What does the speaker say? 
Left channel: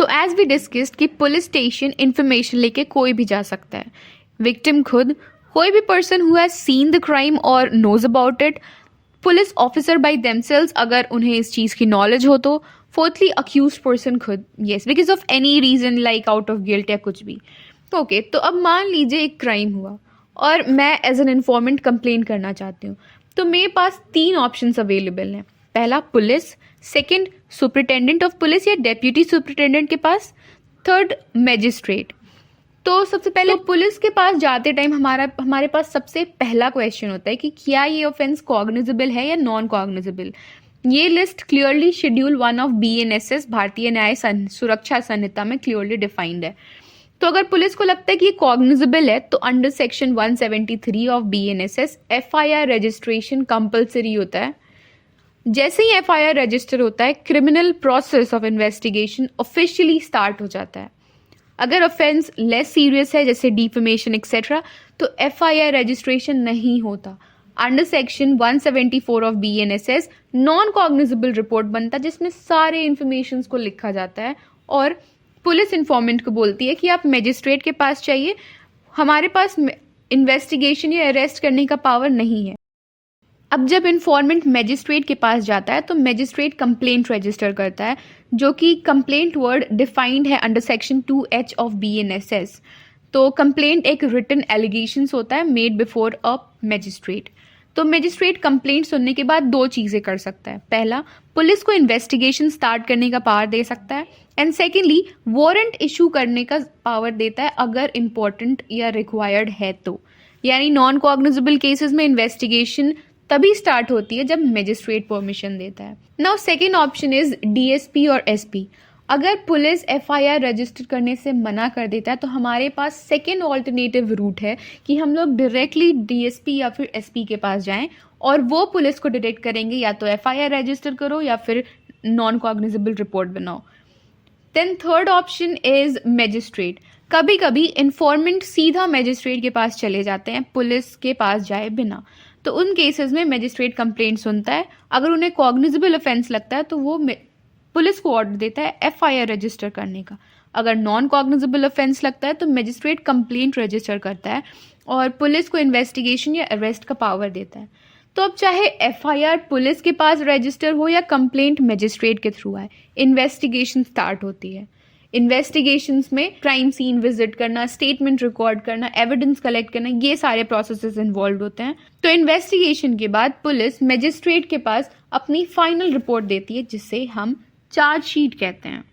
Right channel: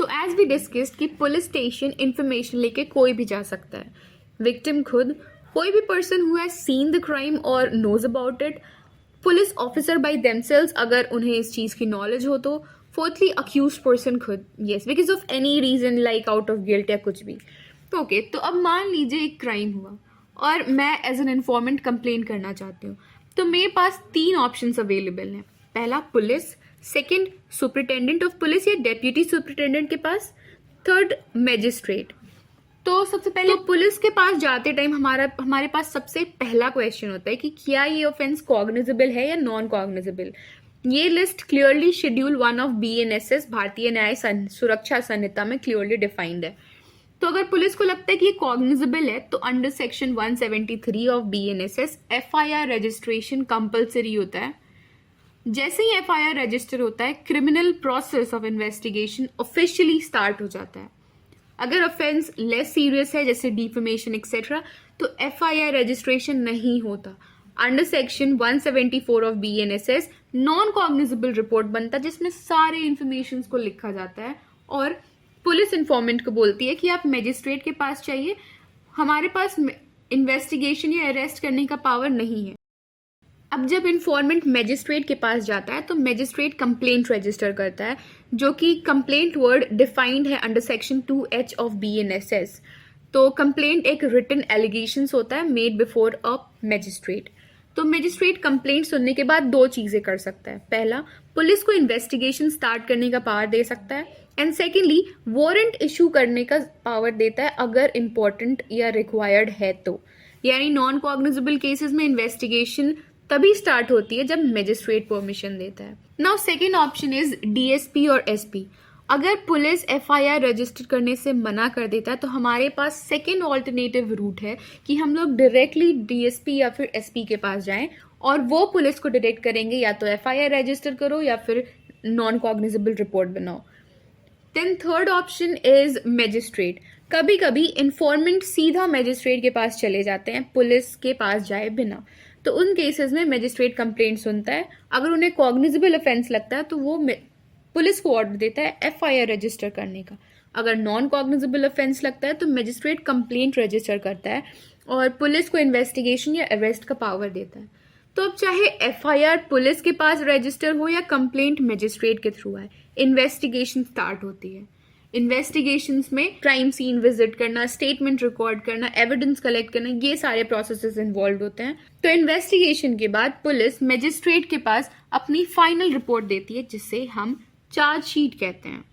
So as we discussed कि police station information लेके कोई भी जा सकता है, विक्टिम खुद, कोई भी person who has seen the crime और knows about it, police officer by themselves अगर उन्हें इस चीज़ की नॉलेज हो तो, फोर्थली अक्यूज पर्सन खुद, yes because of any reason like out of guilt या कुछ भी। ओके, तो अब मान लीजिए एक क्राइम हुआ और मैं एज एन इन्फॉर्मेंट कंप्लेन करना चाहती हूँ, तो मेरे पास 3 ऑप्शंस अवेलेबल हैं। पहला police, second superintendent of police या डेप्यूटी सुपरिटेंडेंट के पास, थर्ड मैजिस्ट्रेट। तो सबसे पहले पुलिस के पास जाते टाइम हमारे पास सबसे पहला क्वेश्चन होता है कि क्या ये ऑफेंस कॉग्निजेबल है या नॉन कॉग्निजेबल। ये list clearly schedule 1 of BNSS भारतीय न्याय सुरक्षा संहिता में क्लियरली डिफाइंड है। तो अगर पुलिस को लगता है कि ये कॉग्निजेबल है तो under section 173 of BNSS FIR registration compulsory होता है। जैसे ही FIR रजिस्टर होता है, criminal process of investigation officially start हो जाता है। अगर ऑफेंस लेस सीरियस है जैसे डिफेमेशन एक्सेट्रा तो FIR रजिस्ट्रेशन नहीं होता। Under section 174 of BNSS non cognizable report बनता है जिसमें सारे इंफॉर्मेशन को लिखा जाता है और पुलिस इन्फॉर्मेंट को बोलती है कि आप मजिस्ट्रेट के पास चाहिए, हमारे पास इन्वेस्टिगेशन या अरेस्ट करने का पावर नहीं है। अब जब इन्फॉर्मेंट मजिस्ट्रेट के पास जाता है तो मजिस्ट्रेट कंप्लेंट रजिस्टर करता है, जो कि कंप्लेंट वर्ड डिफाइंड है under section 2H of BNSS। तो कंप्लेंट एक रिटन एलिगेशंस होता है मेड बिफोर अ मजिस्ट्रेट। तो मजिस्ट्रेट कंप्लेंट सुनने के बाद 2 चीज़ें कर सकता है। पहला, पुलिस को इन्वेस्टिगेशन स्टार्ट करने का पावर दे सकता है, एंड सेकेंडली वारंट इशू करने का पावर देता है अगर इम्पोर्टेंट या रिक्वायर्ड है तो। यानी नॉन कॉग्निजेबल केसेस में इन्वेस्टिगेशन तभी स्टार्ट होती है जब मजिस्ट्रेट परमिशन देता है। Now second option is DSP और SP। अगर पुलिस FIR रजिस्टर करने से मना कर देता है तो हमारे पास सेकेंड ऑल्टरनेटिव रूट है कि हम लोग डायरेक्टली DSP या फिर SP के पास जाएं और वो पुलिस को डायरेक्ट करेंगे या तो FIR रजिस्टर करो या फिर नॉन कॉग्निजेबल रिपोर्ट बनाओ। Then third option is magistrate. कभी कभी इन्फॉर्मेंट सीधा मैजिस्ट्रेट के पास चले जाते हैं पुलिस के पास जाए बिना, तो उन केसेस में मैजिस्ट्रेट कंप्लेंट सुनता है। अगर उन्हें कॉग्निजेबल ऑफेंस लगता है तो वो पुलिस को ऑर्डर देता है FIR रजिस्टर करने का। अगर नॉन कॉग्निजेबल ऑफेंस लगता है तो मैजिस्ट्रेट कंप्लेंट रजिस्टर करता है और पुलिस को इन्वेस्टिगेशन या अरेस्ट का पावर देता है। तो अब चाहे FIR पुलिस के पास रजिस्टर हो या कंप्लेंट मैजिस्ट्रेट के थ्रू आए, इन्वेस्टिगेशन स्टार्ट होती है। इन्वेस्टिगेशंस में क्राइम सीन विजिट करना, स्टेटमेंट रिकॉर्ड करना, एविडेंस कलेक्ट करना, ये सारे प्रोसेसेस इन्वॉल्व होते हैं। तो इन्वेस्टिगेशन के बाद पुलिस मैजिस्ट्रेट के पास अपनी फाइनल रिपोर्ट देती है जिसे हम चार्जशीट कहते हैं।